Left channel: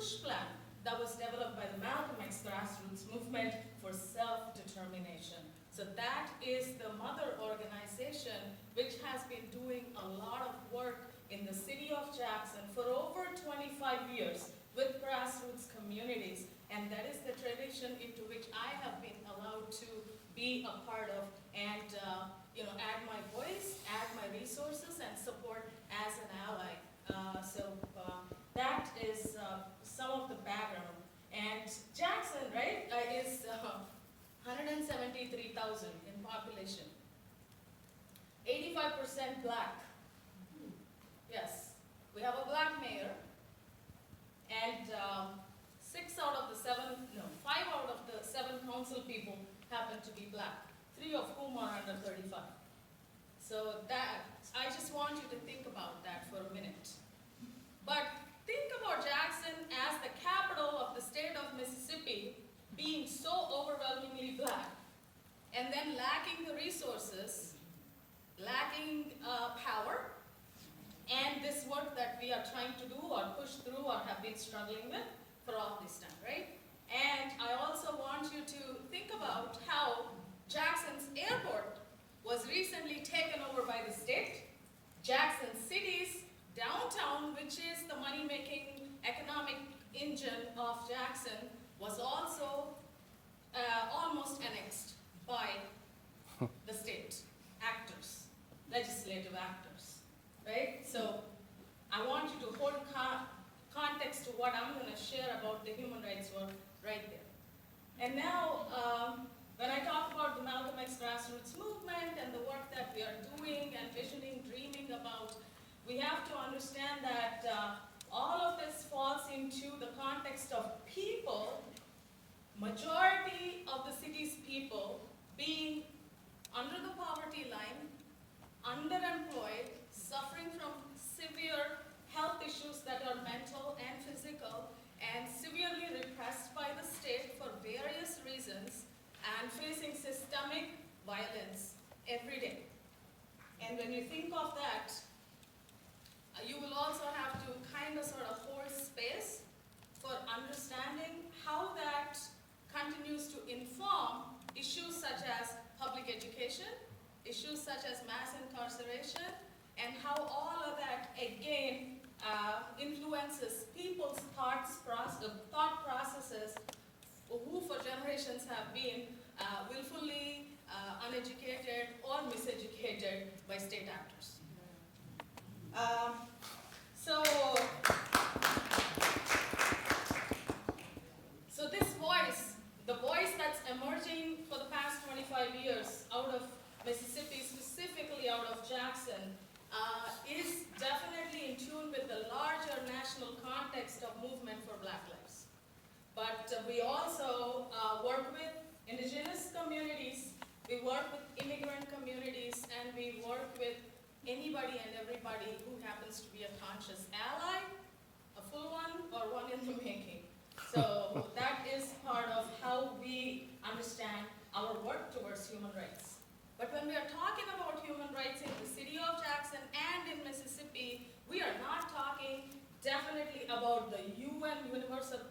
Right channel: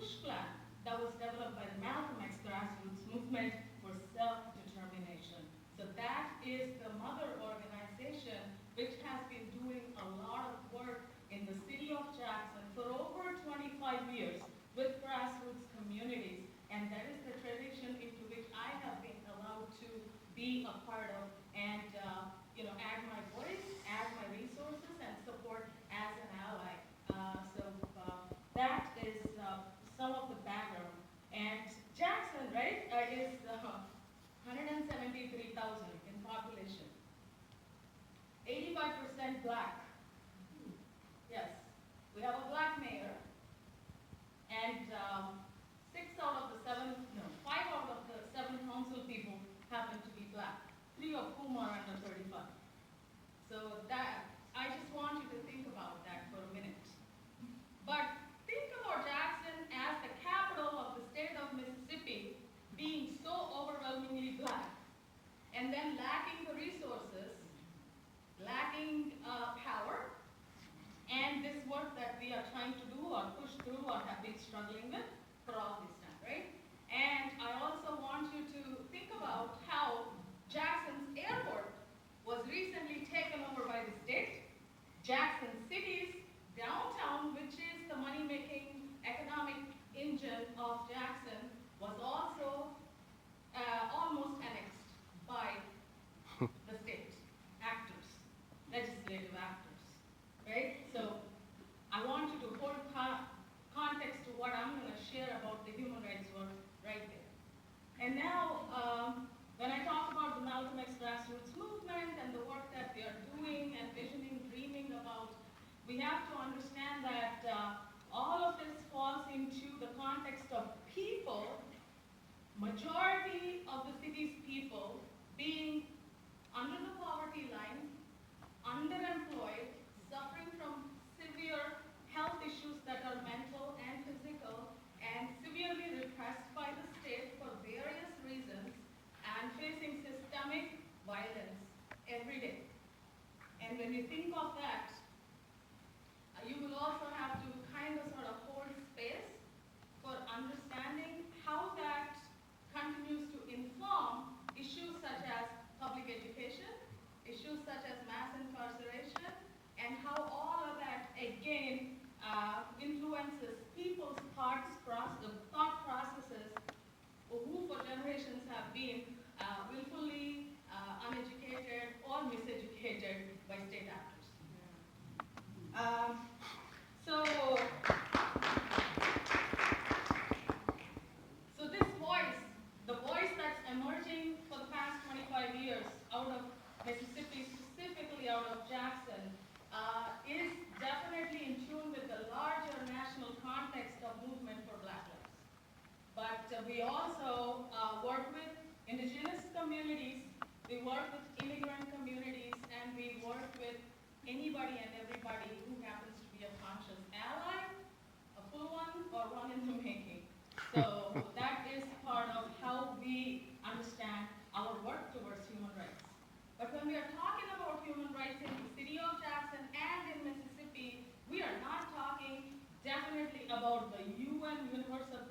push plan that was developed by the Malcolm X grassroots movement for self-determination. So that is the mother organization which has been doing a lot of work in the city of Jackson for over 25 years with grassroots communities, and that is the tradition into which I have been allowed to be a part of and add my voice, add my resources, and support as an ally. That is some of the background. And Jackson, right, is 173,000 in population. 85% black. Yes, we have a black mayor, and 5 out of the 7 council people happen to be black, 3 of whom are under 35. So that, I just want you to think about that for a minute. But think about Jackson as the capital of the state of Mississippi being so overwhelmingly black, and then lacking the resources, lacking power, and this work that we are trying to do or push through or have been struggling with for all this time, right? And I also want you to think about how Jackson's airport was recently taken over by the state. Jackson City's downtown, which is the money-making economic engine of Jackson, was also almost annexed by the state actors, legislative actors, right? So I want you to hold context to what I'm going to share about the human rights work right there. And now, when I talk about the Malcolm X grassroots movement and the work that we are doing and visioning, dreaming about, we have to understand that all of this falls into the context of people, majority of the city's people being under the poverty line, underemployed, suffering from severe health issues that are mental and physical, and severely repressed by the state for various reasons, and facing systemic violence every day. And when you think of that, you will also have to kind of sort of hold space for understanding how that continues to inform issues such as public education, issues such as mass incarceration, and how all of that, again, influences people's thought processes who for generations have been willfully uneducated or miseducated by state actors. So this voice, the voice that's emerging for the past 25 years out of Mississippi, specifically out of Jackson, is definitely in tune with the larger national context of movement for Black lives. But we also work with indigenous communities, we work with immigrant communities, and we work with anybody and everybody who happens to be a conscious ally, a full one, or one in the making. So that is part of how we understand our work towards human rights. But when we are talking about human rights in the city of Jackson and in Mississippi, we are not talking definitely about the UN Universal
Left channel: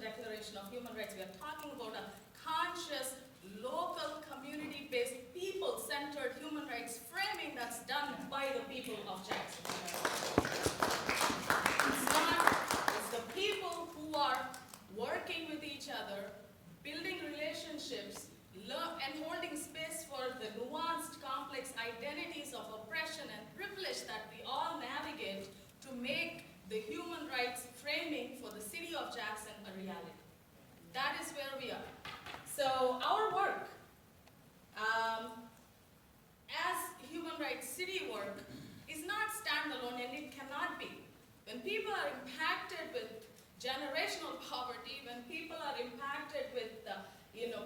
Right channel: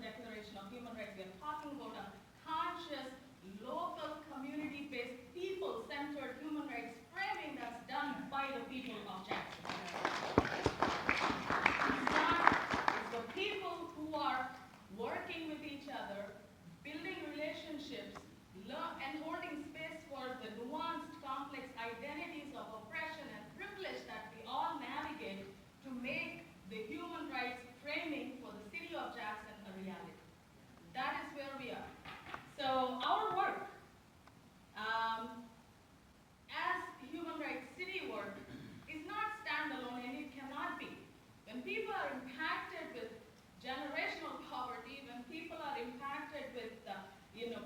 Declaration of Human Rights. We are talking about a conscious, local, community-based, people-centered human rights framing that's done by the people of Jackson. It's the people who are working with each other, building relationships, and holding space for the nuanced, complex identities of oppression and privilege that we all navigate to make the human rights framing for the city of Jackson a reality. That is where we are. So our work as human rights city work is not standalone, and it cannot be. When people are impacted with generational poverty, when people are impacted with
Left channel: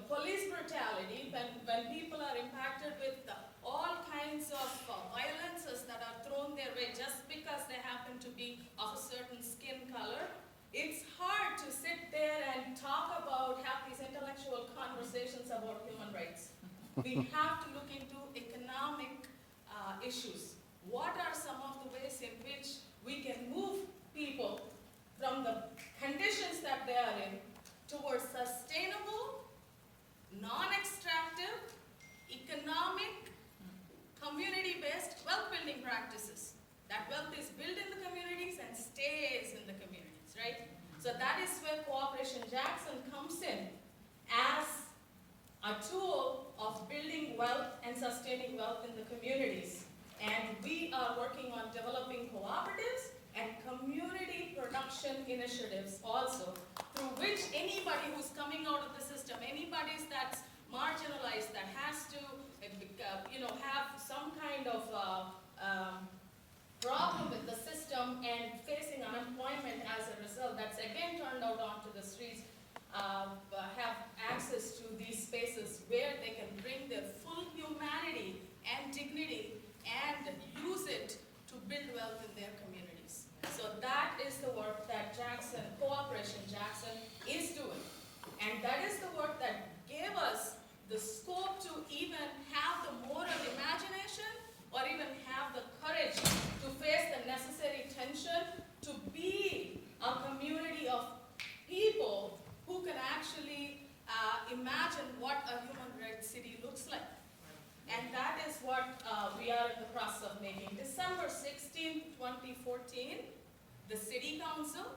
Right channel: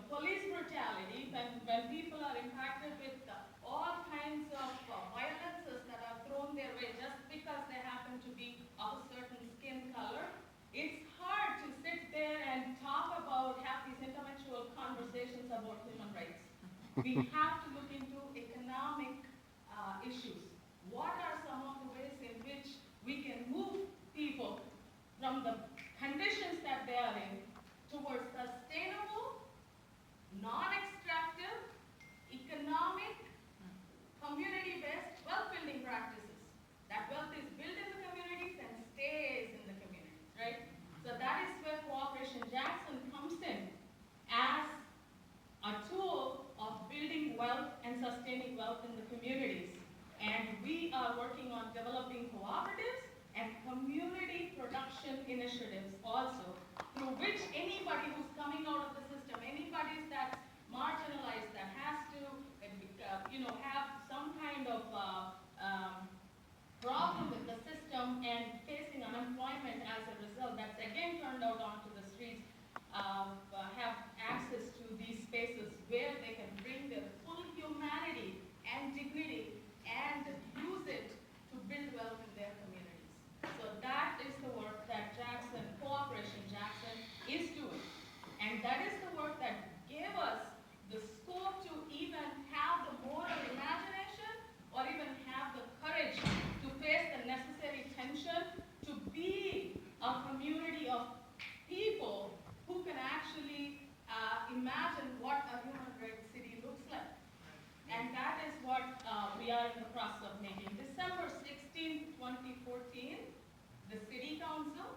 police brutality, when people are impacted with all kinds of violences that are thrown their way just because they happen to be of a certain skin color, it's hard to sit there and have these intellectual conversations about human rights. We have to look into economic issues. What are some of the ways in which we can move people from the condition reduction initiatives also, through which anybody who's coming out of the system, anybody that's marginalized, that has to, have some kind of problem with the system and facing unemployment as a result, that's again turned out onto the streets, have access to these spaces where they can bring their full humanity and dignity and use it to build wealth in their communities. So that is the work that Jackson, Cooperation Jackson, is doing. And that is the work that gave us the scope to even have the moral imagination or even have the courage to face the necessary tension to be a community of people who can actually imagine what a human rights city looks like. And that is what we are in the process of making. December 16, 2014, the City Council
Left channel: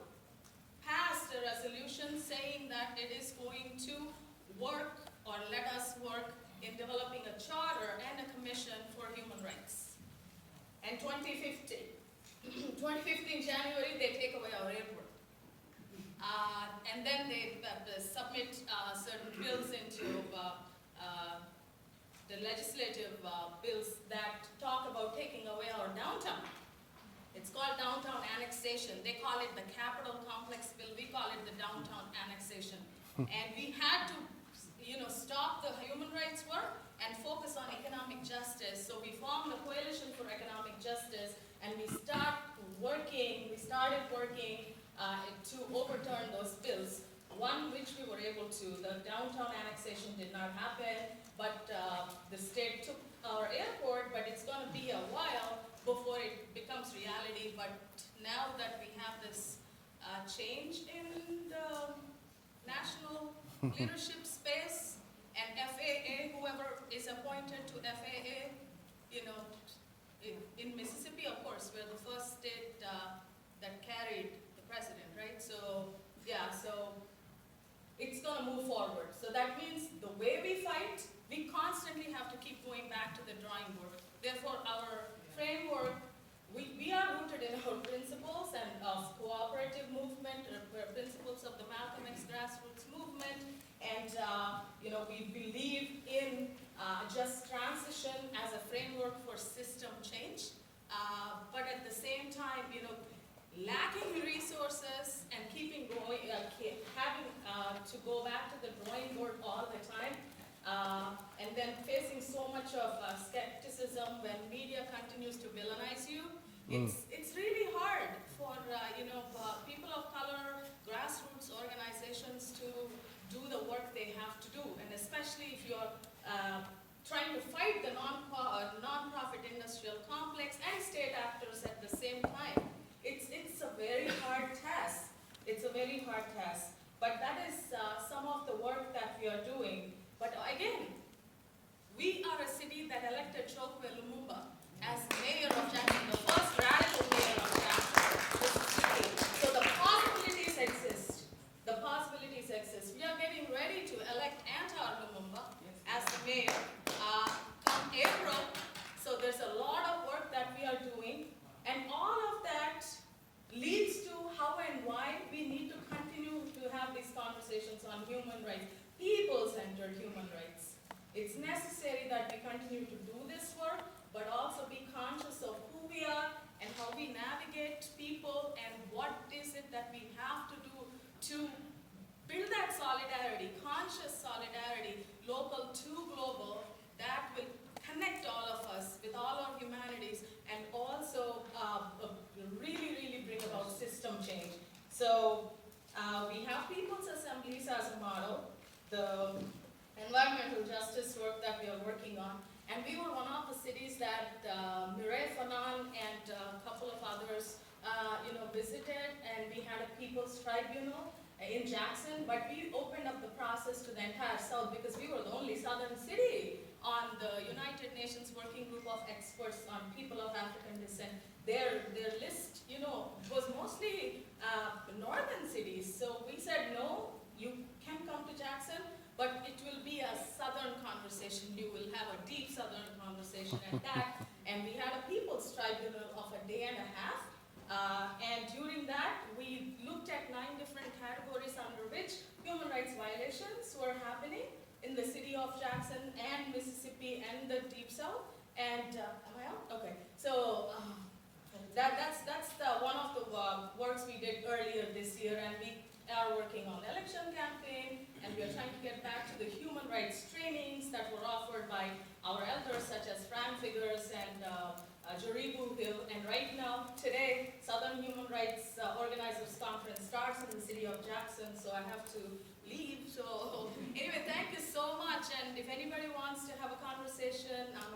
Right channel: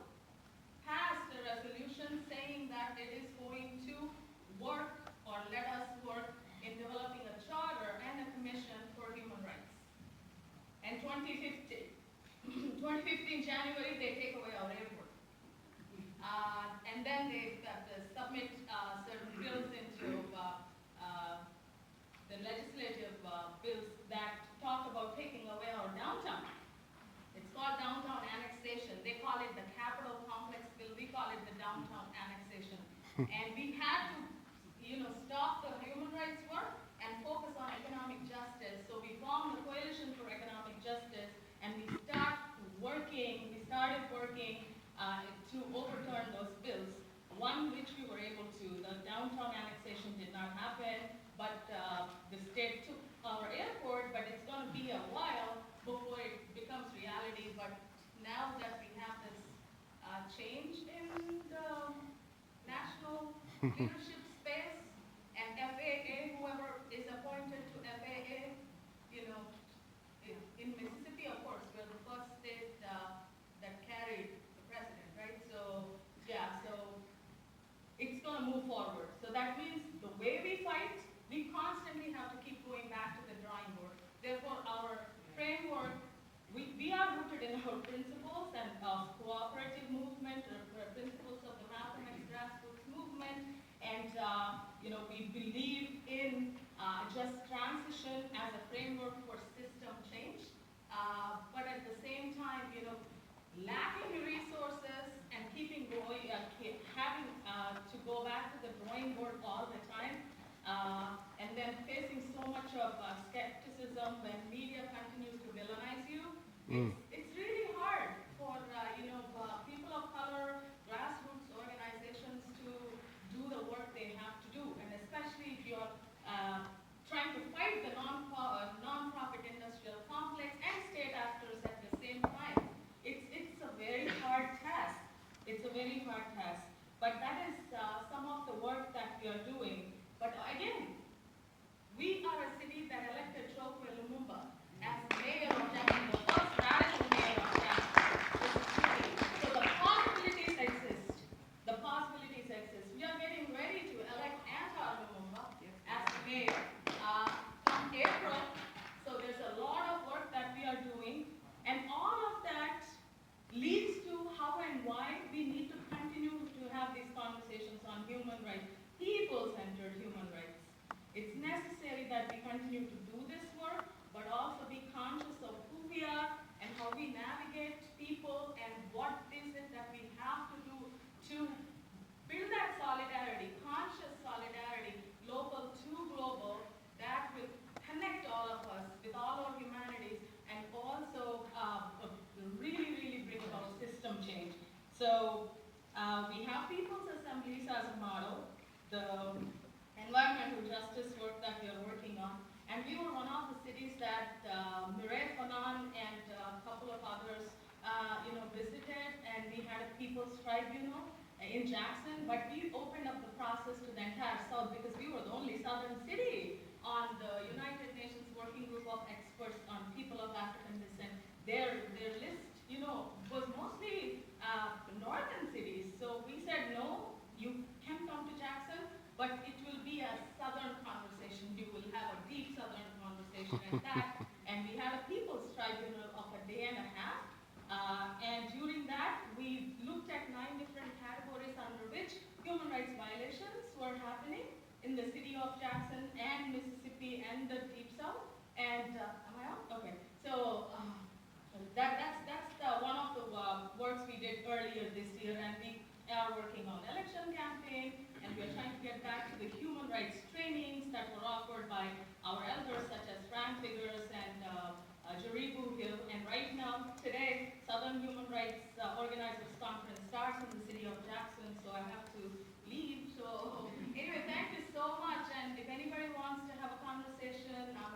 passed a resolution saying that it is going to work or let us work in developing a charter and a commission for human rights. And 2015 January, they take away our airport. And then they submit certain bills into the legislative bills that talk about taking away our downtown. It's called downtown annexation. They call it the Capital Complex Bill. We call it the downtown annexation. And we had to, stop the human rights work and focus on economic justice. So we formed a coalition for economic justice, and we started working to overturn those bills. One which we were able to. The downtown annexation did not happen, but the state took our airport, but it's going to be a while before it becomes reality. But now that we have this change in the national leadership space, and FAA, whoever is appointed to FAA, in Mississippi, of course, we're the first state that carried the president, right? So, yeah, so it's going to move forward. So that means the way we fight, we constantly have to keep going back to the drawing board. Therefore, our framework, we are rooted in our principles and of cooperative movement, principles of the Malcolm X grassroots movement, and we believe in just transition as a framework for system change. But at the same time, lacking resources and keeping going, having to go back to the drawing board all the time, and then facing so much of skepticism when media continues to villainize you. It's really hard for people of color, grassroots organizations to do the work they have to do, and especially if you're trying to fight the non-profit industrial complex and state actors at the same time. It's a very hard task. It's a very hard task. But that is some of the work that we are doing. But again, we are a city that elected Chokwe Lumumba as mayor of Jackson, the first radical mayor of Jackson, Mississippi. So the possibilities exist. The possibilities exist. We are getting ready to elect Antar Lumumba as the mayor come April. So there's a lot of work that we are doing. And all of that leads to how and why we need to continue to have these conversations on human rights, people-centered human rights. It's necessary that we continue to do this work, but also be conscious of who we are and how we navigate people and what is it that we have to do to build that solidarity, conscious solidarity, local to global, that will connect all of us with all our humanities and also really, really bring about system change. So we have people's assemblies as a model, the environmental justice work that we are working on, and we were one of the cities that Mireille Fanon and a couple of others visited, and we had a people's tribunal in Jackson, but we opened up the process to the entire South because we were the only southern city on the United Nations Working Group of Experts on anybody wants to have a conversation, I'm